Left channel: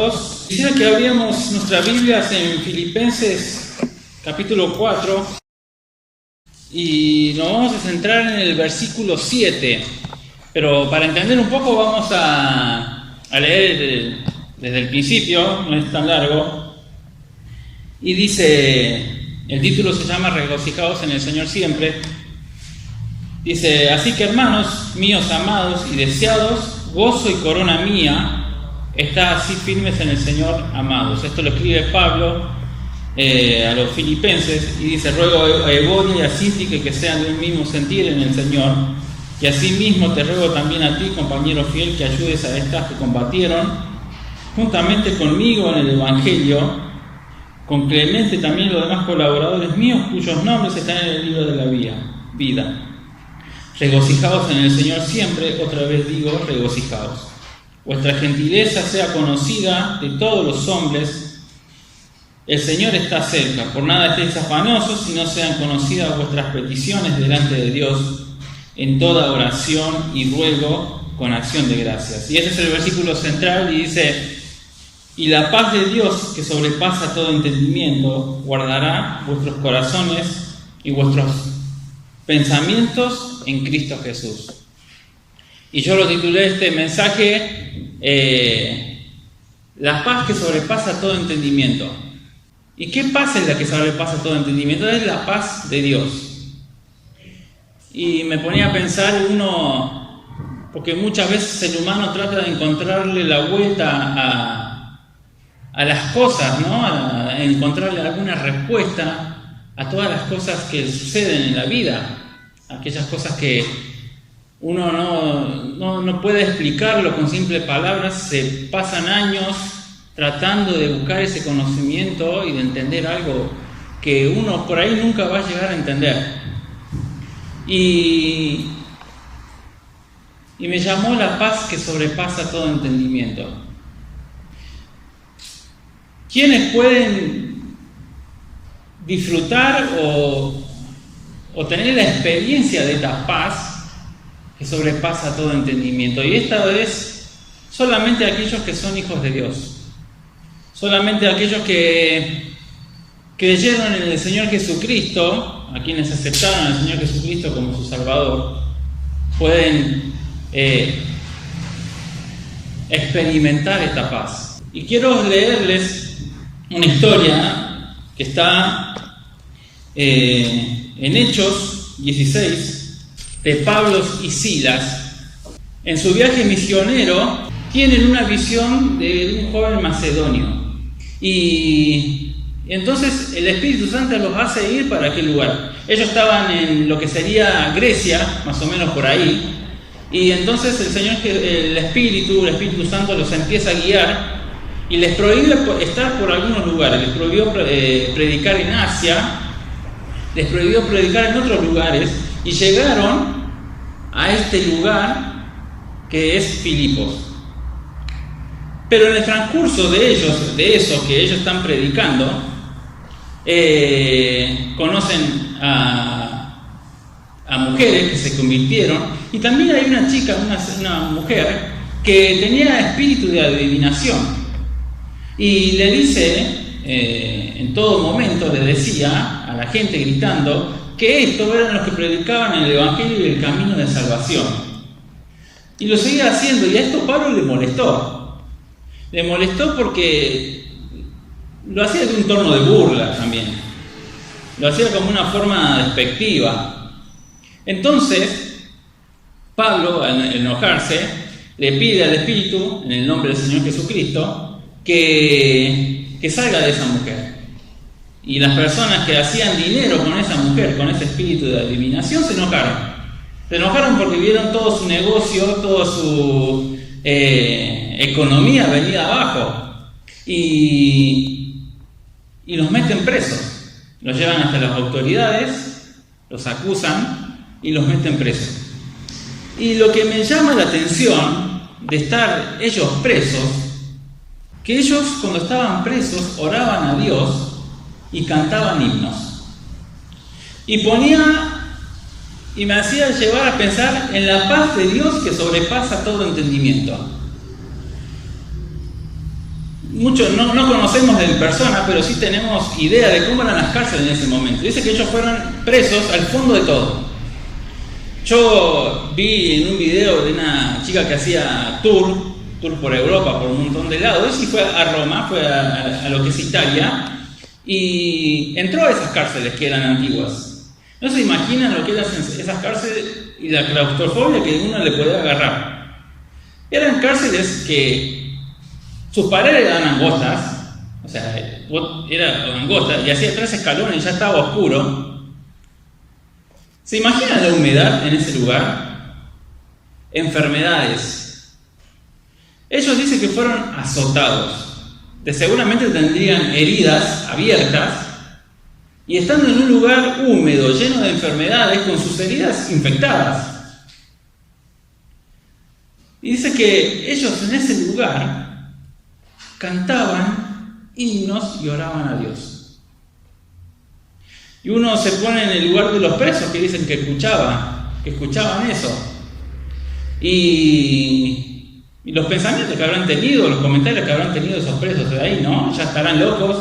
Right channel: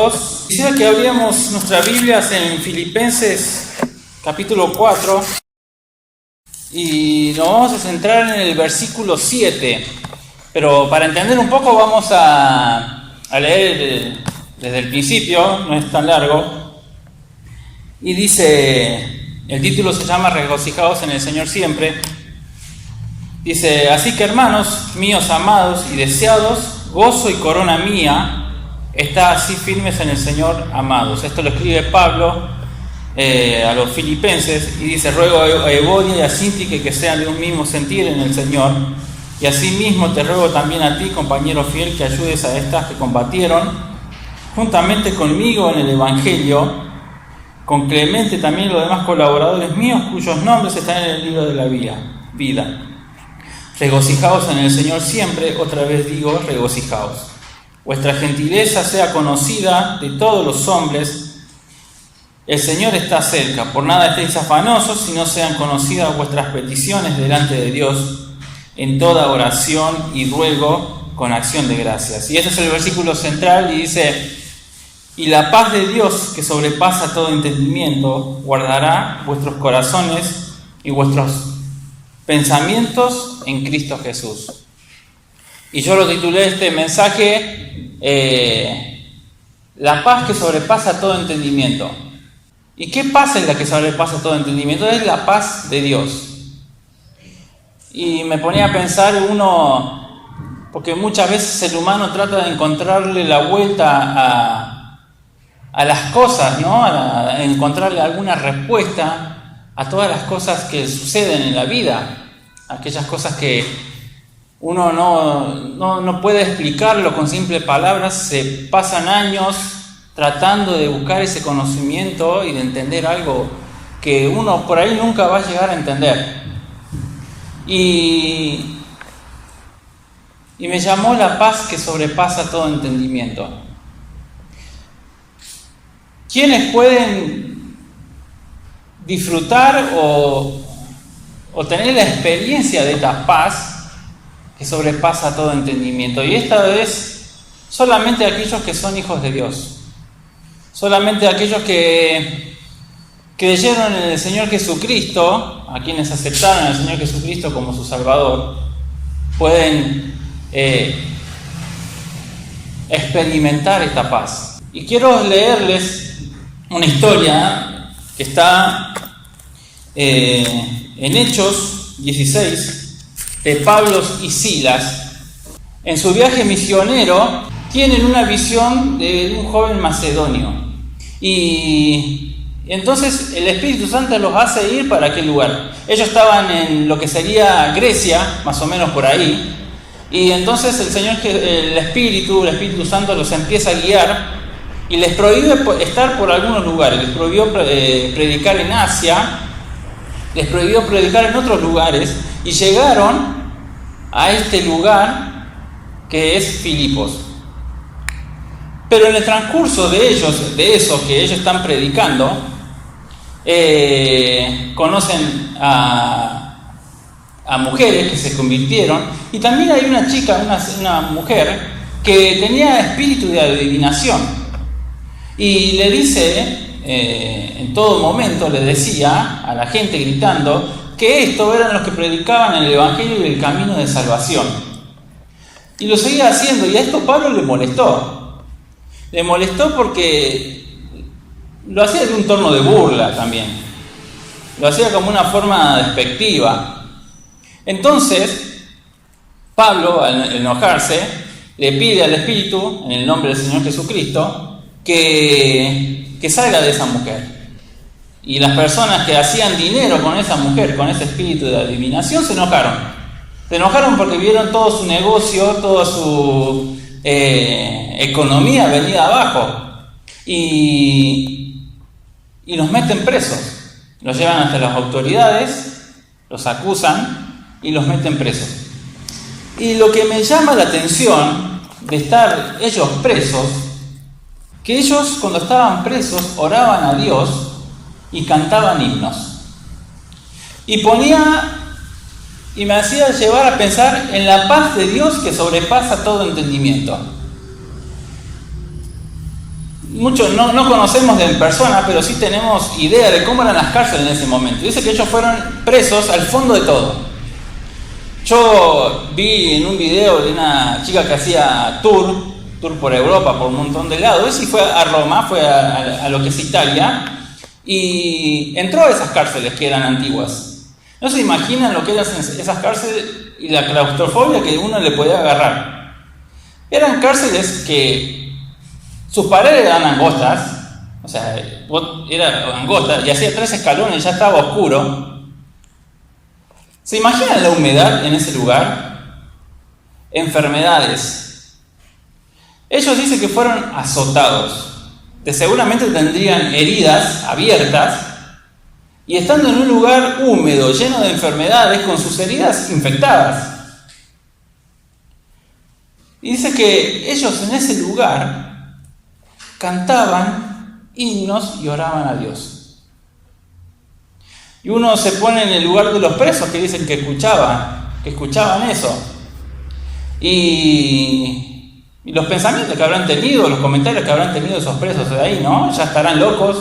todos. Quisiera que abriéramos nuestras Biblias en Filipenses capítulo 4 y nos vamos a centrar en el versículo 7. Pero para entender un poco vamos a leer desde el principio, no es tan largo. Y dice, el título se llama Regocijaos en el Señor siempre. Dice, así que hermanos míos amados y deseados, gozo y corona mía, está así firmes en el Señor amados. Esto lo escribe Pablo a los filipenses y dice, ruego a Evodia y a Síntique que sean de un mismo sentir en el Señor. Y asimismo te ruego también a ti, compañero fiel, que ayudes a estas que combatieron juntamente conmigo en el Evangelio, con Clemente también los demás colaboradores míos, cuyos nombres están en el libro de la vida. Regocijaos en el Señor siempre, otra vez digo, regocijaos. Vuestra gentileza sea conocida de todos los hombres. El Señor está cerca. Por nada estéis afanosos, sino sean conocidas vuestras peticiones delante de Dios en toda oración y ruego con acción de gracias. Y este es el versículo central y dice, y la paz de Dios, que sobrepasa todo entendimiento, guardará vuestros corazones y vuestros pensamientos en Cristo Jesús. Y yo lo titulé este mensaje, la paz que sobrepasa todo entendimiento. ¿Y qué paz es la que sobrepasa todo entendimiento? Es la paz de Dios. Y me ponía a pensar porque muchas veces el humano trata de encontrarle la vuelta a las cosas, ¿no? A encontrarle alguna respuesta a todas las cosas que suceden en la vida, aquellas cosas que uno no puede explicarlo con simples palabras. Se pasan años tratando de buscar ese conocimiento y de entender algo que uno por ahí nunca va a llegar a entender. Y me llamó la paz que sobrepasa todo entendimiento. ¿Quiénes pueden disfrutar o tener la experiencia de esta paz que sobrepasa todo entendimiento? Y esta vez solamente aquellos que son hijos de Dios, solamente aquellos que creyeron en el Señor Jesucristo, a quienes aceptaron al Señor Jesucristo como su Salvador, pueden experimentar esta paz. Y quiero leerles una historia que está en Hechos 16, de Pablo y Silas. En su viaje misionero tienen una visión de un joven macedonio y entonces el Espíritu Santo los hace ir para aquel lugar. Ellos estaban en lo que sería Grecia, más o menos por ahí, y entonces el Espíritu Santo los empieza a guiar y les prohíbe estar por algunos lugares. Les prohibió predicar en Asia, les prohibió predicar en otros lugares, y llegaron a este lugar que es Filipos. Pero en el transcurso de eso que ellos están predicando, conocen a mujeres que se convirtieron, y también hay una chica, una mujer que tenía espíritu de adivinación, y le dice, en todo momento le decía a la gente gritando que estos eran los que predicaban el Evangelio y el camino de salvación. Y lo seguía haciendo, y a esto Pablo le molestó. Le molestó porque lo hacía de un tono de burla también. Lo hacía como una forma despectiva. Entonces, Pablo, al enojarse, le pide al Espíritu, en el nombre del Señor Jesucristo, que salga de esa mujer. Y las personas que hacían dinero con esa mujer, con ese espíritu de adivinación, se enojaron. Se enojaron porque vieron todo su negocio, toda su economía venida abajo. Y los meten presos. Los llevan hasta las autoridades, los acusan y los meten presos. Y lo que me llama la atención de estar ellos presos, que ellos cuando estaban presos oraban a Dios y cantaban himnos. Y me hacía llevar a pensar en la paz de Dios que sobrepasa todo entendimiento. muchos no conocemos en persona, pero sí tenemos idea de cómo eran las cárceles en ese momento. Dice que ellos fueron presos al fondo de todo. Yo vi en un video de una chica que hacía tour por Europa, por un montón de lados, y fue a Roma, fue a lo que es Italia, y entró a esas cárceles que eran antiguas. No se imaginan lo que eran esas cárceles y la claustrofobia que uno le podía agarrar. Eran cárceles que sus paredes eran angostas, o sea, era angosta, y hacía 3 escalones y ya estaba oscuro. ¿Se imaginan la humedad en ese lugar? Enfermedades. Ellos dicen que fueron azotados. Seguramente tendrían heridas abiertas y estando en un lugar húmedo, lleno de enfermedades, con sus heridas infectadas. Y dice que ellos en ese lugar cantaban himnos y oraban a Dios. Y uno se pone en el lugar de los presos que dicen que escuchaban eso. Y los pensamientos que habrán tenido, los comentarios que habrán tenido esos presos de ahí, ¿no? Ya estarán locos,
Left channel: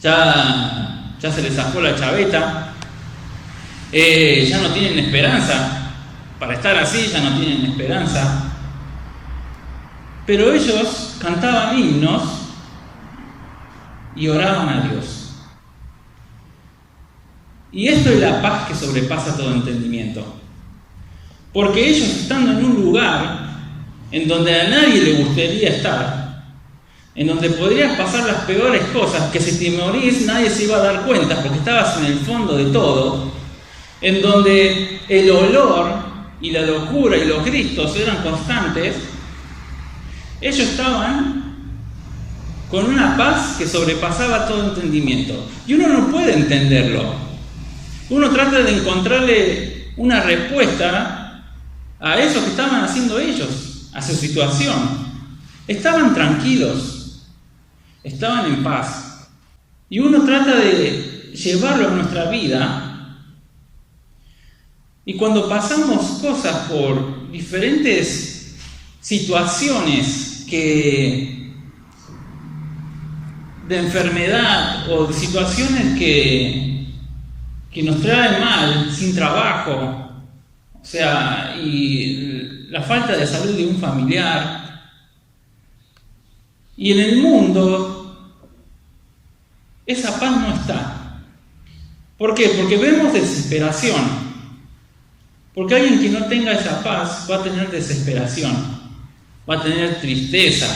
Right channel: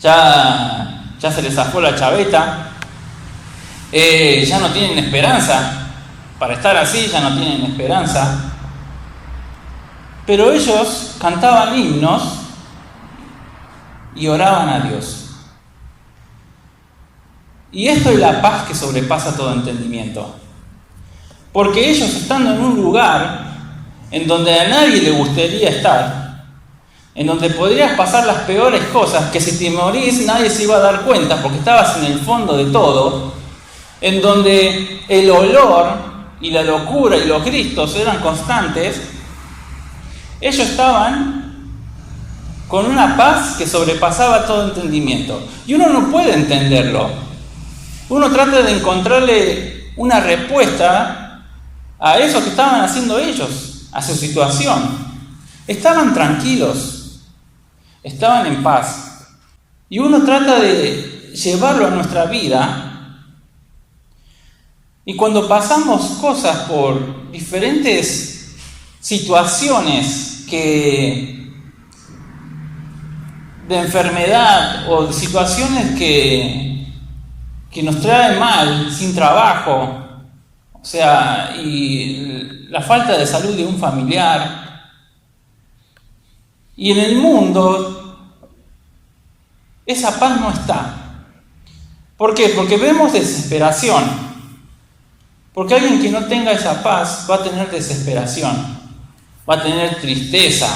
ya se les zafó la chaveta, ya no tienen esperanza, para estar así ya no tienen esperanza. Pero ellos cantaban himnos y oraban a Dios. Y esto es la paz que sobrepasa todo entendimiento. Porque ellos estando en un lugar en donde a nadie le gustaría estar, en donde podrías pasar las peores cosas, que si te morís nadie se iba a dar cuenta porque estabas en el fondo de todo, en donde el olor y la locura y los gritos eran constantes, ellos estaban con una paz que sobrepasaba todo entendimiento. Y uno no puede entenderlo. Uno trata de encontrarle una respuesta a eso que estaban haciendo ellos, a su situación. Estaban tranquilos, estaban en paz. Y uno trata de llevarlo a nuestra vida. Y cuando pasamos cosas por diferentes situaciones de enfermedad o situaciones que nos trae mal, sin trabajo, o sea, y la falta de salud de un familiar. Y en el mundo, esa paz no está. ¿Por qué? Porque vemos desesperación. Porque alguien que no tenga esa paz va a tener desesperación, va a tener tristeza,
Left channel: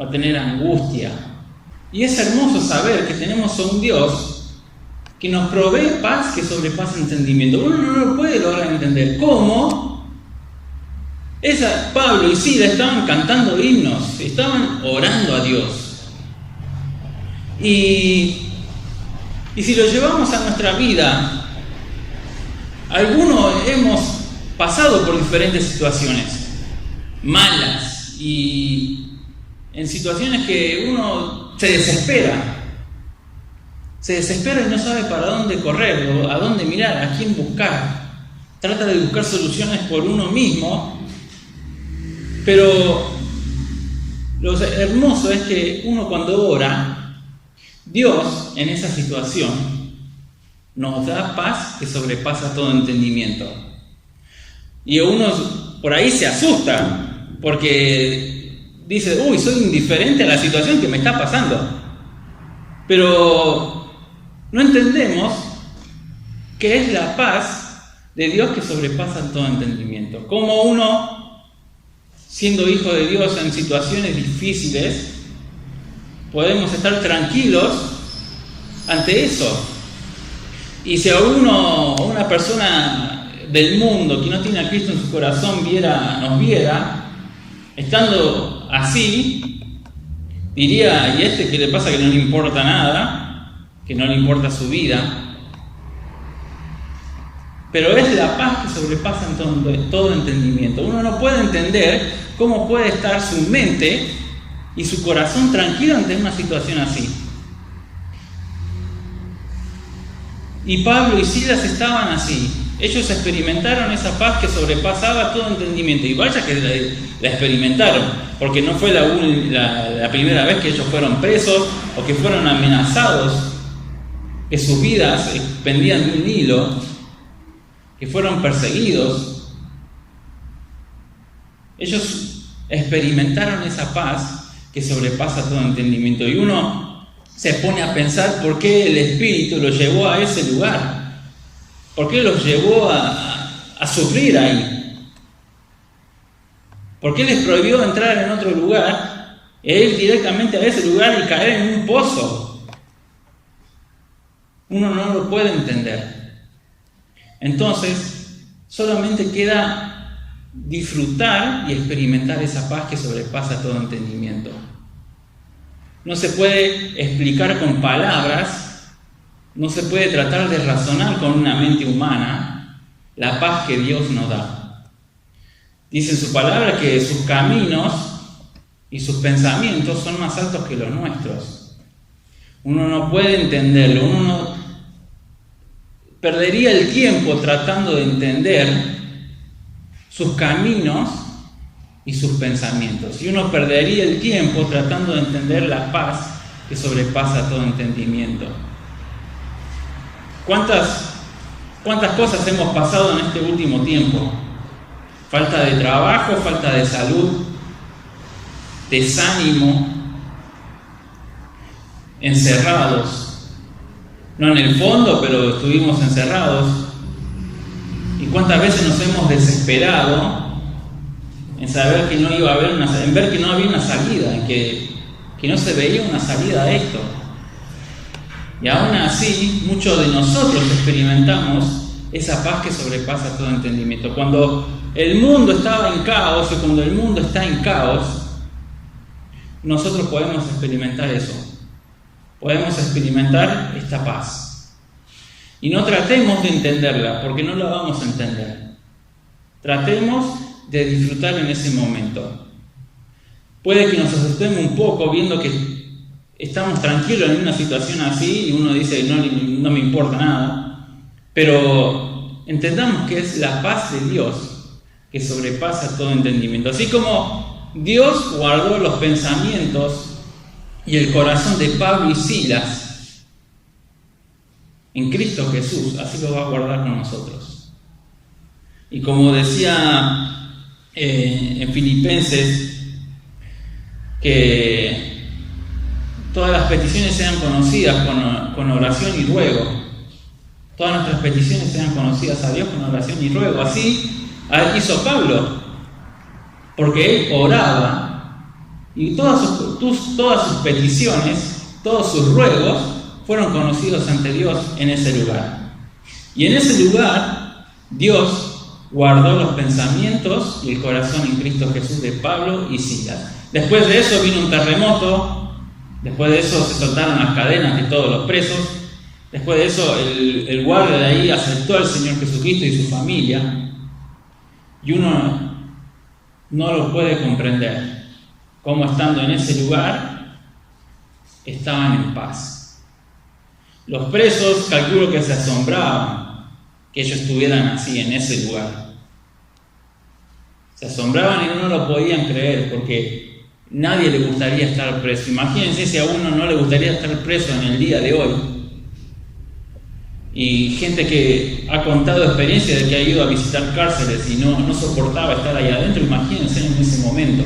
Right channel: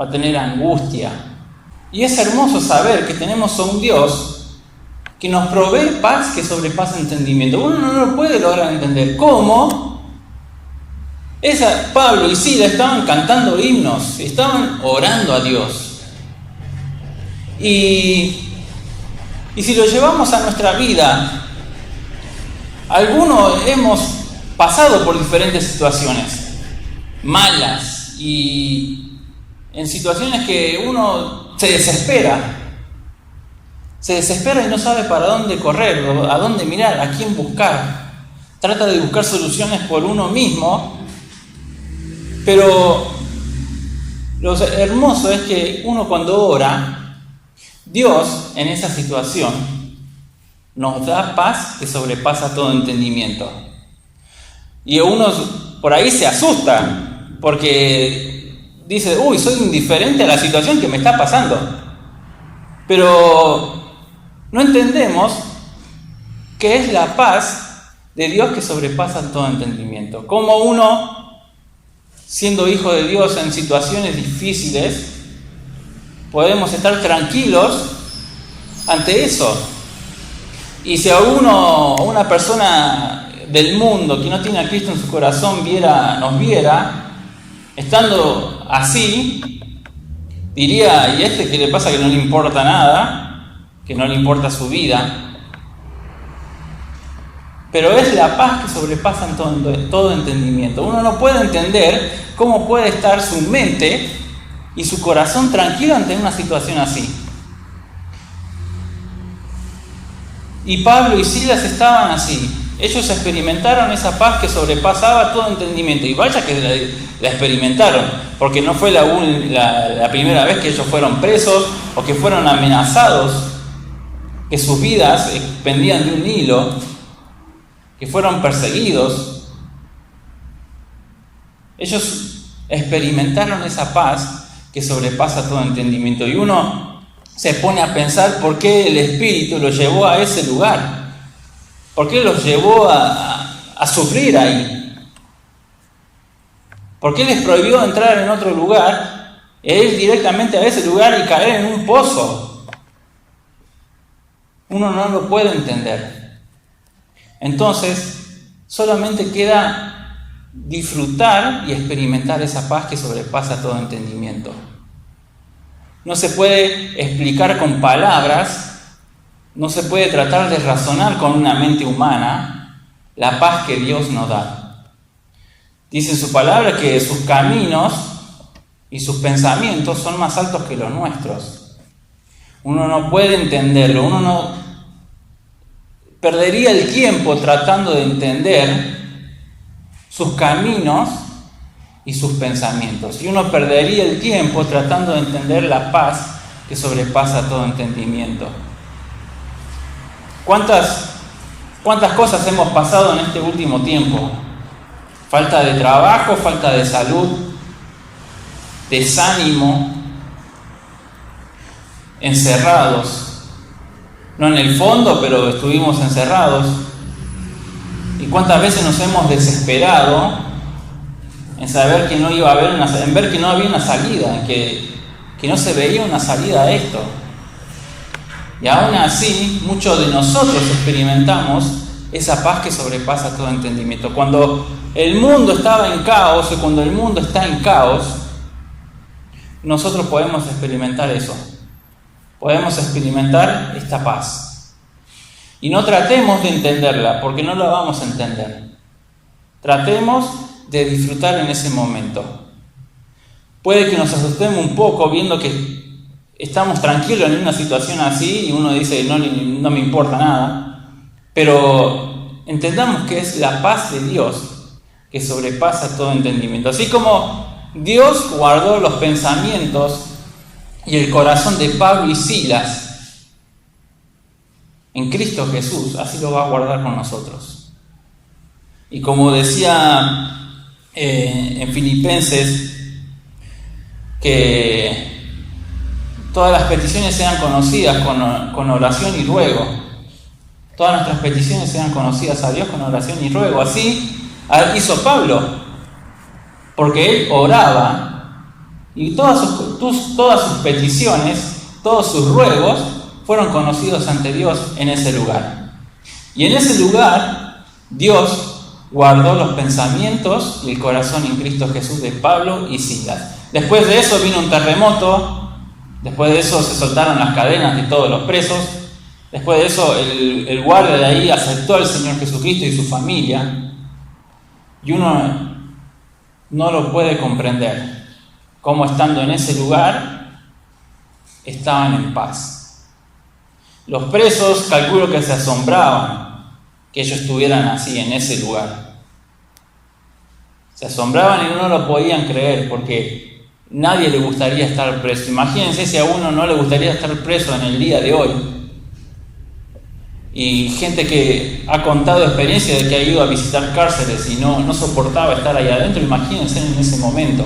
va a tener angustia. Y es hermoso saber que tenemos a un Dios que nos provee paz que sobrepasa entendimiento. Uno no lo puede lograr entender. ¿Cómo? Pablo y Silas estaban cantando himnos, estaban orando a Dios. Y si lo llevamos a nuestra vida, algunos hemos pasado por diferentes situaciones malas y en situaciones que uno se desespera y no sabe para dónde correr, a dónde mirar, a quién buscar. Trata de buscar soluciones por uno mismo, pero lo hermoso es que uno cuando ora, Dios en esa situación nos da paz que sobrepasa todo entendimiento. Y uno por ahí se asusta porque dice, soy indiferente a la situación que me está pasando. Pero no entendemos qué es la paz de Dios que sobrepasa todo entendimiento. Cómo uno, siendo hijo de Dios en situaciones difíciles, podemos estar tranquilos ante eso. Y si a una persona del mundo que no tiene a Cristo en su corazón nos viera, estando así, diría, ¿y qué le pasa que no le importa nada? Que no le importa su vida. Pero es la paz que sobrepasa todo entendimiento. Uno no puede entender cómo puede estar su mente y su corazón tranquilo ante una situación así. Y Pablo y Silas estaban así, ellos experimentaron esa paz que sobrepasaba todo entendimiento. Y vaya que la experimentaron, porque no fue la primera vez que ellos fueron presos o que fueron amenazados, que sus vidas pendían de un hilo, que fueron perseguidos. Ellos experimentaron esa paz que sobrepasa todo entendimiento. Y uno se pone a pensar por qué el Espíritu los llevó a ese lugar. ¿Por qué los llevó a sufrir ahí? ¿Por qué les prohibió entrar en otro lugar e ir directamente a ese lugar y caer en un pozo? Uno no lo puede entender. Entonces, solamente queda disfrutar y experimentar esa paz que sobrepasa todo entendimiento. No se puede explicar con palabras, no se puede tratar de razonar con una mente humana la paz que Dios nos da. Dice en su palabra que sus caminos y sus pensamientos son más altos que los nuestros. Uno no puede entenderlo, uno no perdería el tiempo tratando de entender sus caminos y sus pensamientos. Y uno perdería el tiempo tratando de entender la paz que sobrepasa todo entendimiento. ¿Cuántas cosas hemos pasado en este último tiempo? Falta de trabajo, falta de salud, desánimo, encerrados. No en el fondo, pero estuvimos encerrados. ¿Y cuántas veces nos hemos desesperado en saber que no iba a haber en ver que no había una salida, que no se veía una salida a esto? Y aún así, muchos de nosotros experimentamos esa paz que sobrepasa todo entendimiento. Cuando el mundo estaba en caos, o cuando el mundo está en caos, nosotros podemos experimentar eso. Podemos experimentar esta paz. Y no tratemos de entenderla, porque no la vamos a entender. Tratemos de disfrutar en ese momento. Puede que nos asustemos un poco viendo que estamos tranquilos en una situación así y uno dice no me importa nada, pero entendamos que es la paz de Dios que sobrepasa todo entendimiento. Así como Dios guardó los pensamientos y el corazón de Pablo y Silas en Cristo Jesús, así lo va a guardar con nosotros. Y como decía en Filipenses, que todas las peticiones sean conocidas con oración y ruego. Todas nuestras peticiones sean conocidas a Dios con oración y ruego. Así hizo Pablo, porque él oraba y todas sus peticiones, todos sus ruegos fueron conocidos ante Dios en ese lugar. Y en ese lugar Dios guardó los pensamientos y el corazón en Cristo Jesús de Pablo y Silas. Después de eso vino un terremoto. Después de eso se soltaron las cadenas de todos los presos. Después de eso el guardia de ahí aceptó al Señor Jesucristo y su familia. Y uno no lo puede comprender cómo estando en ese lugar estaban en paz. Los presos calculo que se asombraban que ellos estuvieran así en ese lugar. Se asombraban y no lo podían creer porque nadie le gustaría estar preso. Imagínense si a uno no le gustaría estar preso en el día de hoy. Y gente que ha contado experiencia de que ha ido a visitar cárceles y no soportaba estar ahí adentro. Imagínense en ese momento,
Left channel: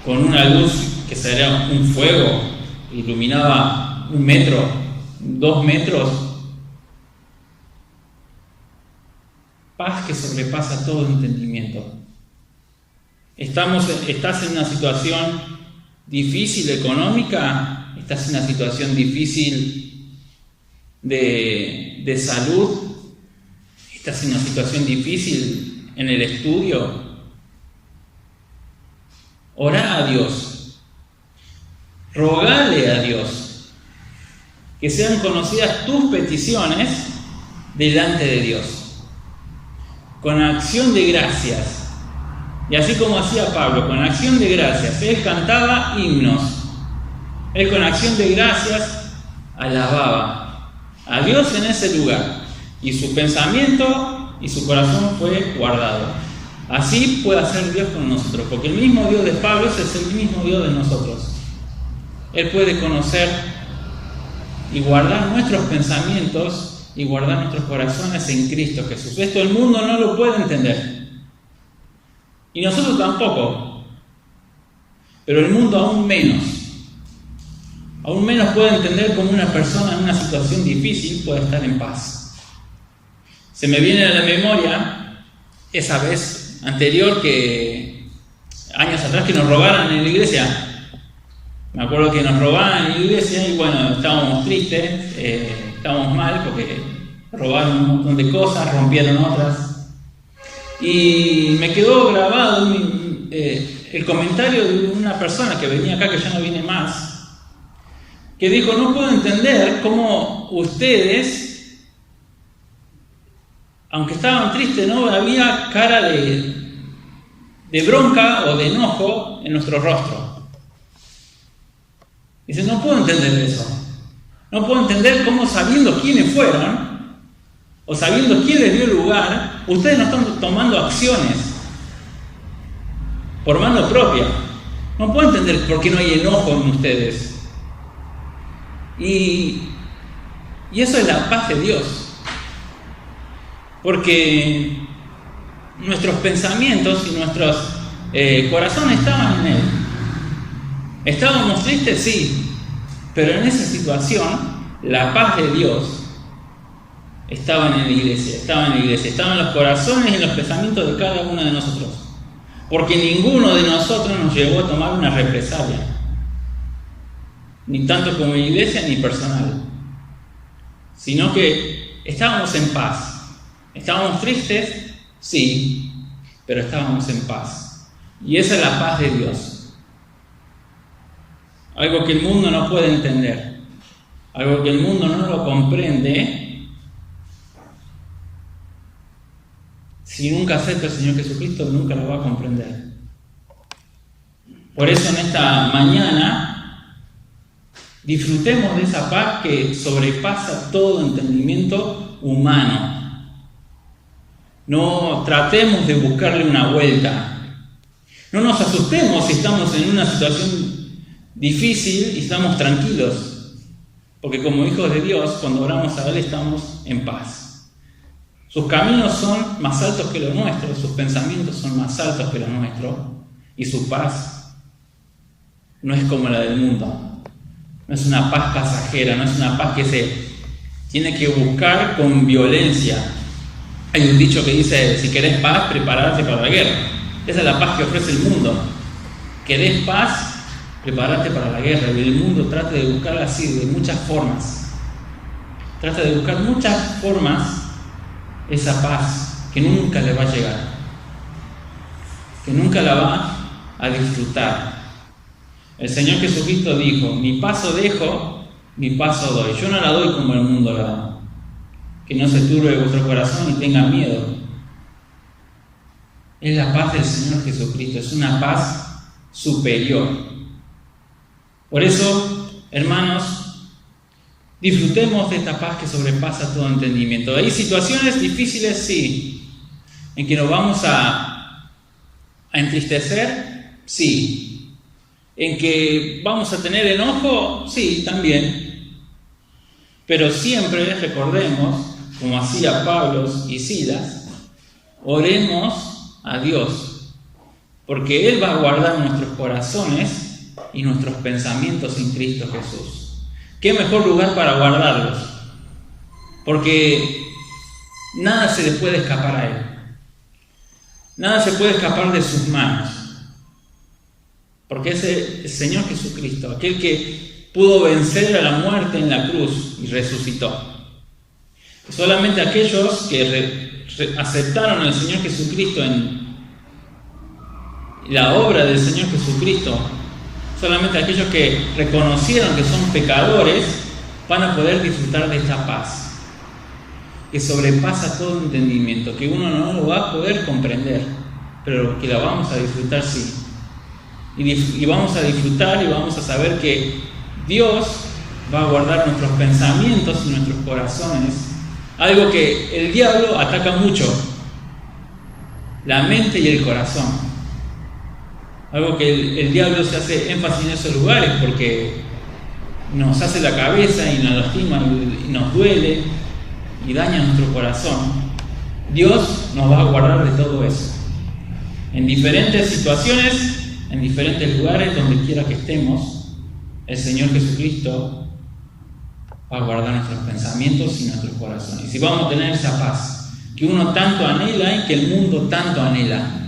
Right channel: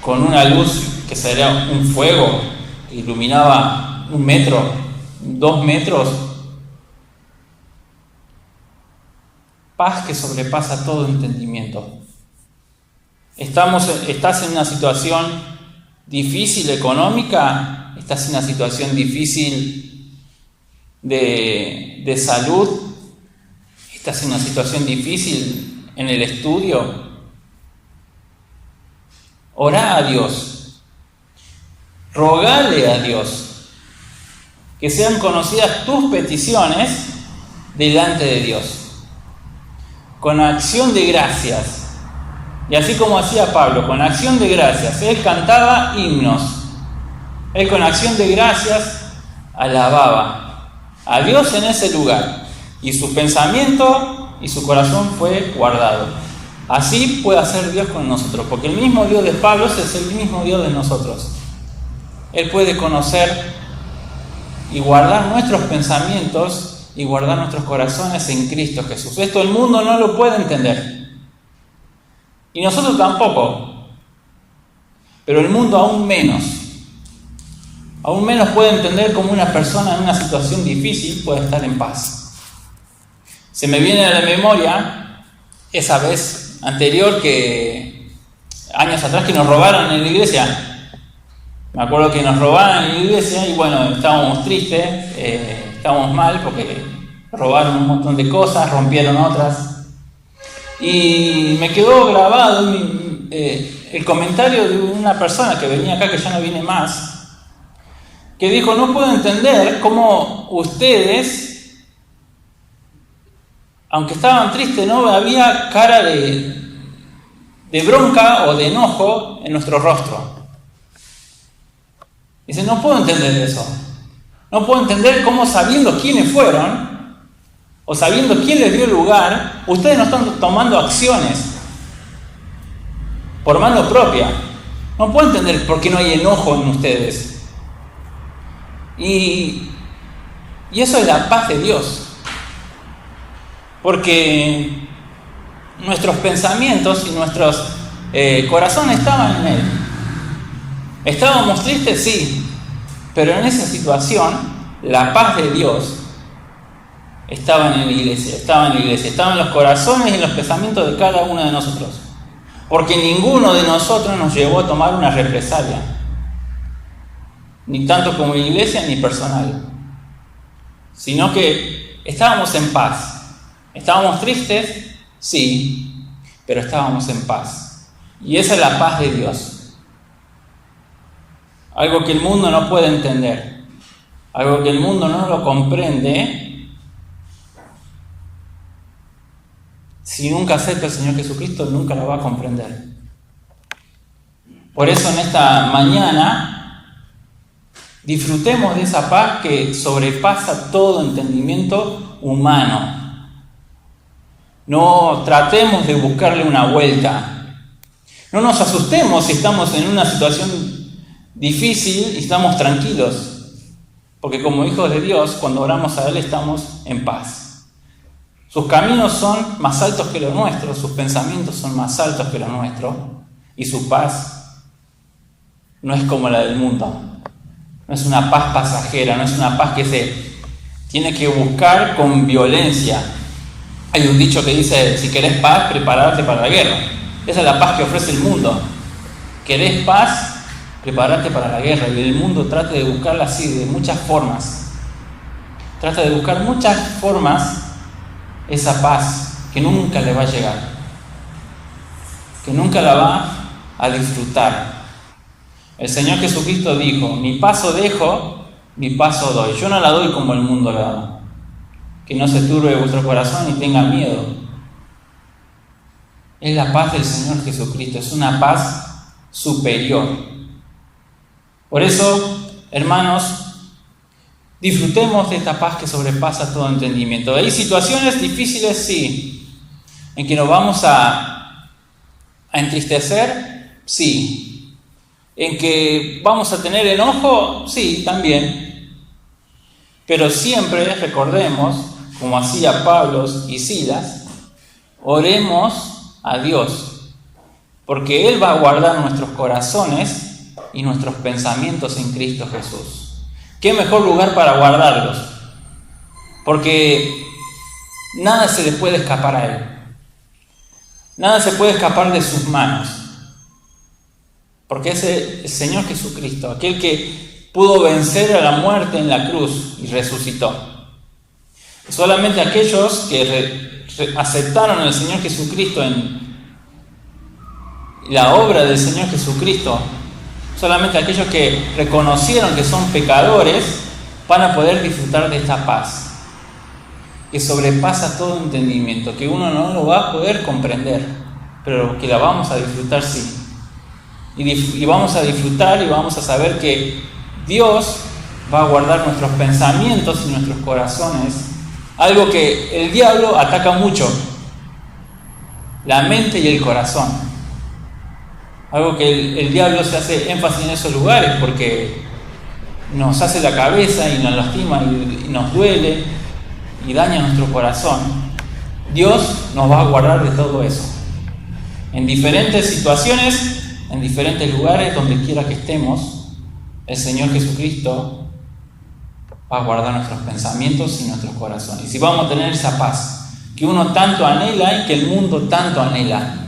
con una luz que sería un fuego, iluminaba 1 metro, 2 metros. Paz que sobrepasa todo entendimiento. ¿Estás en una situación difícil económica? ¿Estás en una situación difícil de salud? ¿Estás en una situación difícil en el estudio? Orá a Dios. Rogale a Dios que sean conocidas tus peticiones delante de Dios, con acción de gracias. Y así como hacía Pablo, con acción de gracias, él cantaba himnos. Él con acción de gracias alababa a Dios en ese lugar. y su pensamiento y su corazón fue guardado. Así puede hacer Dios con nosotros, porque el mismo Dios de Pablo es el mismo Dios de nosotros. Él puede conocer y guardar nuestros pensamientos y guardar nuestros corazones en Cristo Jesús. Esto el mundo no lo puede entender. Y nosotros tampoco. Pero el mundo aún menos. Aún menos puede entender cómo una persona en una situación difícil puede estar en paz. Se me viene a la memoria esa vez anterior años atrás que nos robaron en la iglesia. Me acuerdo que nos robaron en la iglesia y bueno, estábamos tristes, estábamos mal porque robaron un montón de cosas, rompieron otras. Y me quedó grabado el comentario de una persona que venía acá, que ya no viene más, que dijo: no puedo entender cómo ustedes, aunque estaban tristes, no había cara de bronca o de enojo en nuestro rostro. Dice: no puedo entender eso. No puedo entender cómo, sabiendo quiénes fueron o sabiendo quién les dio lugar, ustedes no están tomando acciones por mano propia. No puedo entender por qué no hay enojo en ustedes. Y eso es la paz de Dios. Porque nuestros pensamientos y nuestros corazones estaban en Él. ¿Estábamos tristes? Sí. Pero en esa situación, la paz de Dios estaba en la iglesia, estaba en los corazones y en los pensamientos de cada uno de nosotros. Porque ninguno de nosotros nos llevó a tomar una represalia. Ni tanto como iglesia ni personal. Sino que estábamos en paz. ¿Estábamos tristes? Sí. Pero estábamos en paz. Y esa es la paz de Dios. Algo que el mundo no puede entender. Algo que el mundo no lo comprende. Si nunca acerca al Señor Jesucristo, nunca lo va a comprender. Por eso en esta mañana disfrutemos de esa paz que sobrepasa todo entendimiento humano. No tratemos de buscarle una vuelta. No nos asustemos si estamos en una situación difícil y estamos tranquilos. Porque como hijos de Dios, cuando oramos a Él estamos en paz. Sus caminos son más altos que los nuestros, sus pensamientos son más altos que los nuestros, y su paz no es como la del mundo. No es una paz pasajera, no es una paz que se tiene que buscar con violencia. Hay un dicho que dice: si querés paz, prepararte para la guerra. Esa es la paz que ofrece el mundo. ¿Querés paz? Prepararte para la guerra. Y el mundo trata de buscarla así, de muchas formas. Trata de buscar muchas formas esa paz que nunca le va a llegar, que nunca la va a disfrutar. El Señor Jesucristo dijo: mi paso dejo, mi paso doy. Yo no la doy como el mundo la da. Que no se turbe vuestro corazón y tenga miedo. Es la paz del Señor Jesucristo, es una paz superior. Por eso, hermanos, disfrutemos de esta paz que sobrepasa todo entendimiento. ¿Hay situaciones difíciles? Sí. ¿En que nos vamos a entristecer? Sí. ¿En que vamos a tener enojo? Sí, también. Pero siempre recordemos, como hacía Pablo y Silas, oremos a Dios, porque Él va a guardar nuestros corazones y nuestros pensamientos en Cristo Jesús. ¿Qué mejor lugar para guardarlos? Porque nada se le puede escapar a Él. Nada se puede escapar de sus manos. Porque es el Señor Jesucristo, aquel que pudo vencer a la muerte en la cruz y resucitó. Solamente aquellos que aceptaron al Señor Jesucristo en la obra del Señor Jesucristo, solamente aquellos que reconocieron que son pecadores van a poder disfrutar de esta paz que sobrepasa todo entendimiento, que uno no lo va a poder comprender, pero que la vamos a disfrutar sí. Y vamos a disfrutar y vamos a saber que Dios va a guardar nuestros pensamientos y nuestros corazones Algo que el diablo ataca mucho, la mente y el corazón. Algo que el diablo se hace énfasis en esos lugares porque nos hace la cabeza y nos lastima y nos duele y daña nuestro corazón. Dios nos va a guardar de todo eso. En diferentes situaciones, en diferentes lugares, donde quiera que estemos, el Señor Jesucristo va a guardar nuestros pensamientos y nuestros corazones. Y vamos a tener esa paz que uno tanto anhela y que el mundo tanto anhela.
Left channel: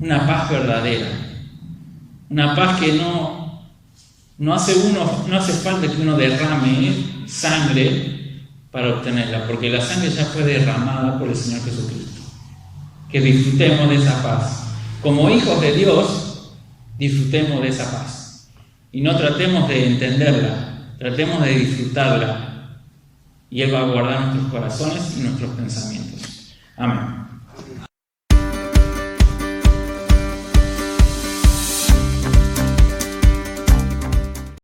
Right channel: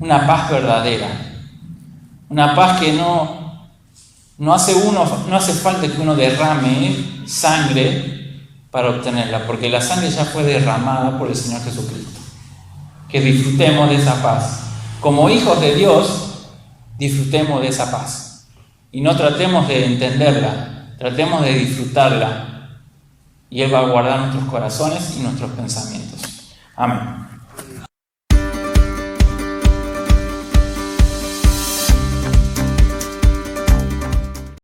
Una paz verdadera. Una paz que no hace falta que uno derrame sangre para obtenerla, porque la sangre ya fue derramada por el Señor Jesucristo. Que disfrutemos de esa paz. Como hijos de Dios, disfrutemos de esa paz. Y no tratemos de entenderla. Tratemos de disfrutarla y Él va a guardar nuestros corazones y nuestros pensamientos. Amén.